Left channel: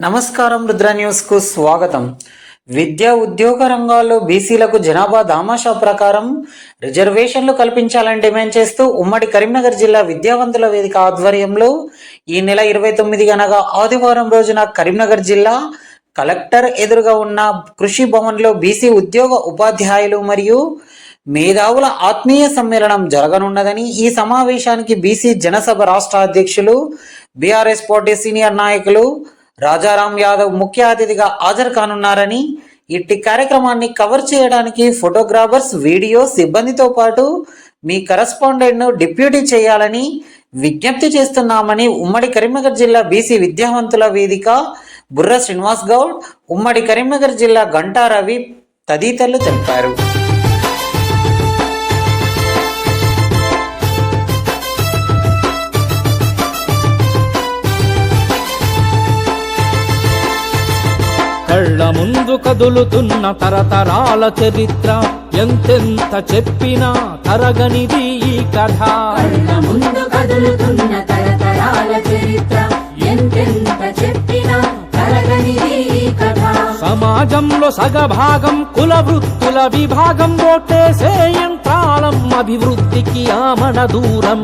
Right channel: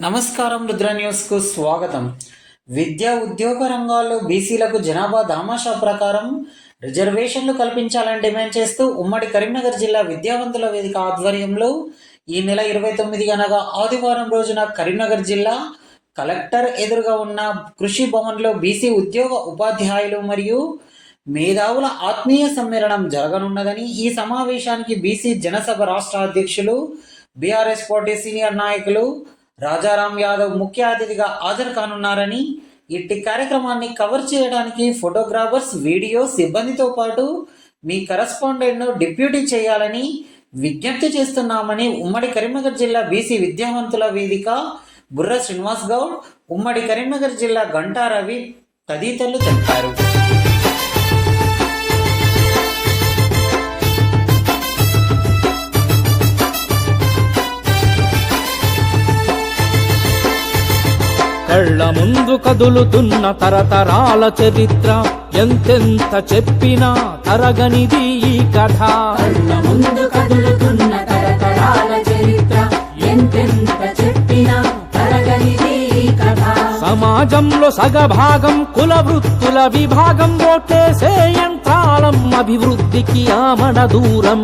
నమస్కారం, రుద్ర న్యూస్ కు స్వాగతం. విద్యా ఉద్యోగ రంగాల్లో బీసీలకు జనాభా దామాషా ప్రకారం రిజర్వేషన్లు కల్పించాలని డిమాండ్ చేస్తూ ఉమ్మడి కరీంనగర్ జిల్లా విద్యావంతుల వేదిక ఆధ్వర్యంలో ఈ నెల 29 అనగా ఆదివారం రోజున కరీంనగర్ జిల్లా కలెక్టర్ ఎదురుగా ఉన్న కృషి భవన్లో బీసీ ఉద్యోగ ఉపాధ్యాయులు మరియు మేధావుల ఆత్మీయ సమ్మేళనం జరగనున్నదని, ఈ సమావేశానికి బీసీ జనసభ రాష్ట్ర అధ్యక్షులు, బీఆర్ఎస్ పార్టీ సీనియర్ నాయకులు రాజారాం యాదవ్ ముఖ్య అతిథిగా హాజరు కానున్నారని, ఇట్టి కార్యక్రమాన్ని కవర్ చేయడానికి ఫోటోగ్రాఫర్స్, వీడియో సిబ్బందితో పాటు మీ కరెస్పాండెంట్ను డిప్యూటీ చేయాలని విజ్ఞప్తి చేస్తున్నామని ఉమ్మడి కరీంనగర్ జిల్లా బీసీ విద్యావంతుల వేదిక బుర్ర శ్రీనివాస్ గౌడ్, ఉమ్మడి కరీంనగర్ జిల్లా గంటా రవి తదితరులు తెలిపారు. కళ్ళ ముందు కదులుతున్న తరతరాల చరిత్ర, ఎంతెంత చెప్పినా తరగనిది ఈ కథ. కళ్ళ ముందు కదులుతున్న తరతరాల చరిత్ర, ఎంతెంత చెప్పినా తరగనిది ఈ కథ. సమాజంలో సగభాగం కుల వృత్తుల విభాగం, ఓటేసే యంత్రాలం అభివృద్ధికి ఆమడ దూరం.